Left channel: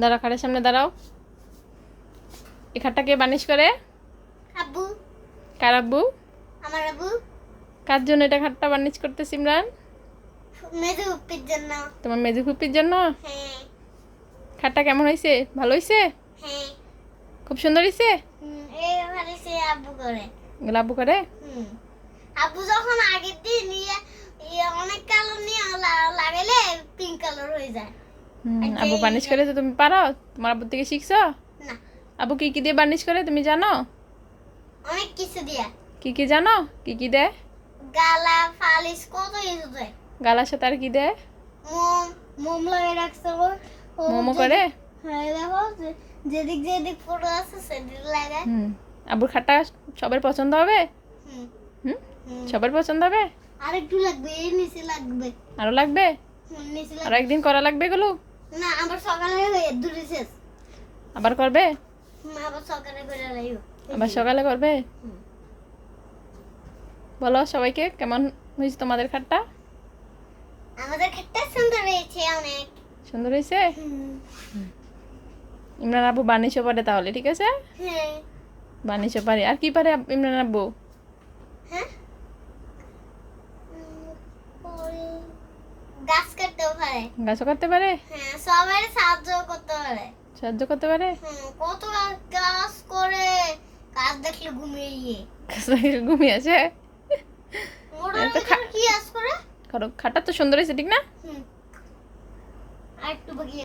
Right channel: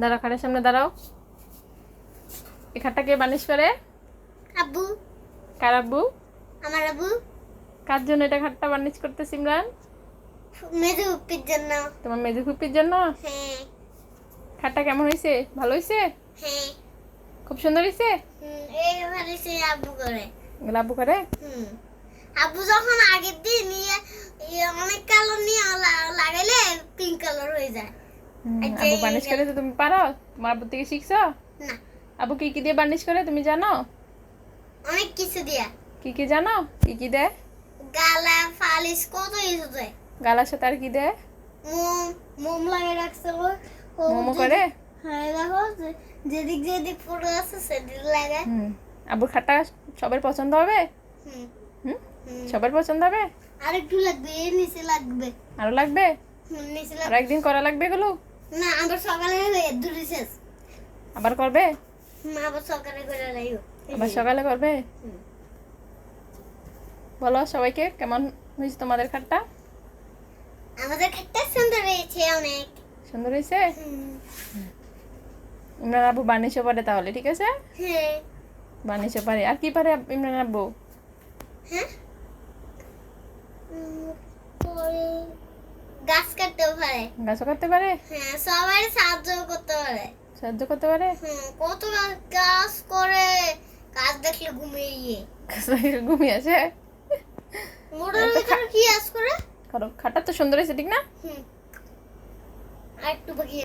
দাঁড়াও, খাটের সামনে দাঁড়াও। এই খাটটা কে বানিশ করে? আব্বু। কার আব্বু? আমার আব্বু। কার জন্য এটা খাটটা বানিশ করতে সিমরান? মেজু উপ্পির জন্য। তোমার মেজু ফুপির জন্য? হ্যাঁ। খাটটা কেমন হয়েছে? ভালো হয়েছে? হ্যাঁ। খুব সুন্দর হয়েছে? এইবারে সে আব্বু করে। এগুলো আব্বু করে? আব্বু যখন আগের দিন অনেক কালার নিয়ে লাগাইলে পিঙ্ক কালার হয়ে যায়। আব্বু বানিশ করে তো তুমি পারো? তোমার আব্বু থেকে শিখছো? না। আব্বু কি কি দিয়ে বানিশ করে তুমি জানো? অনেক কিছু দিয়া। কি কি জানো? কি কি দেয়? গালা ফালিশ কত কিছু দেয়। গালার সাথে আর কি দেয়? মোম লাগাই রাখছে মোমো করে? হ্যাঁ দেখো যেদিক যেদিক ফটো আছে সেদিক লাগায়। আব্বুর খাটটা সবার পছন্দ হবে? সবার পছন্দ হবে? আর একটু লাগবে, এর নিচে লাগবে। আরো লাগবে? নিচে আর একদিন করা লাগবে এগুলো? না, আবার সকালে দুটো শেষ। আবার করবে? আবার সকালে করে লাইও। আবার সকালে করবে? বলো সবাইকে কেমন হয়েছে তোমাদের খাটটা? আমাদের খাটটা সুন্দর হয়েছে অনেক। সুন্দর হয়েছে? ইমরান আব্বু বানিশও পারে তাহলে, ঠিক আছে? হ্যাঁ। বানিশও পারে। আর কি পারে ইমরান আব্বু? হ্যাঁ, গাছ কাটতে পারে। গাছও করতে পারে? হ্যাঁ, সবাই সাহায্য করতে পারে। সাহায্য করতে পারে? কত গাছ করে, গাছ দেখলে ঘুমিয়ে গিয়ে ঘুমিয়ে আছে? মোড়ের ভিতরে কি গাছ করে? খাটটা তো সুন্দর হয়েছে, ঠিক না? আর একটু বাকি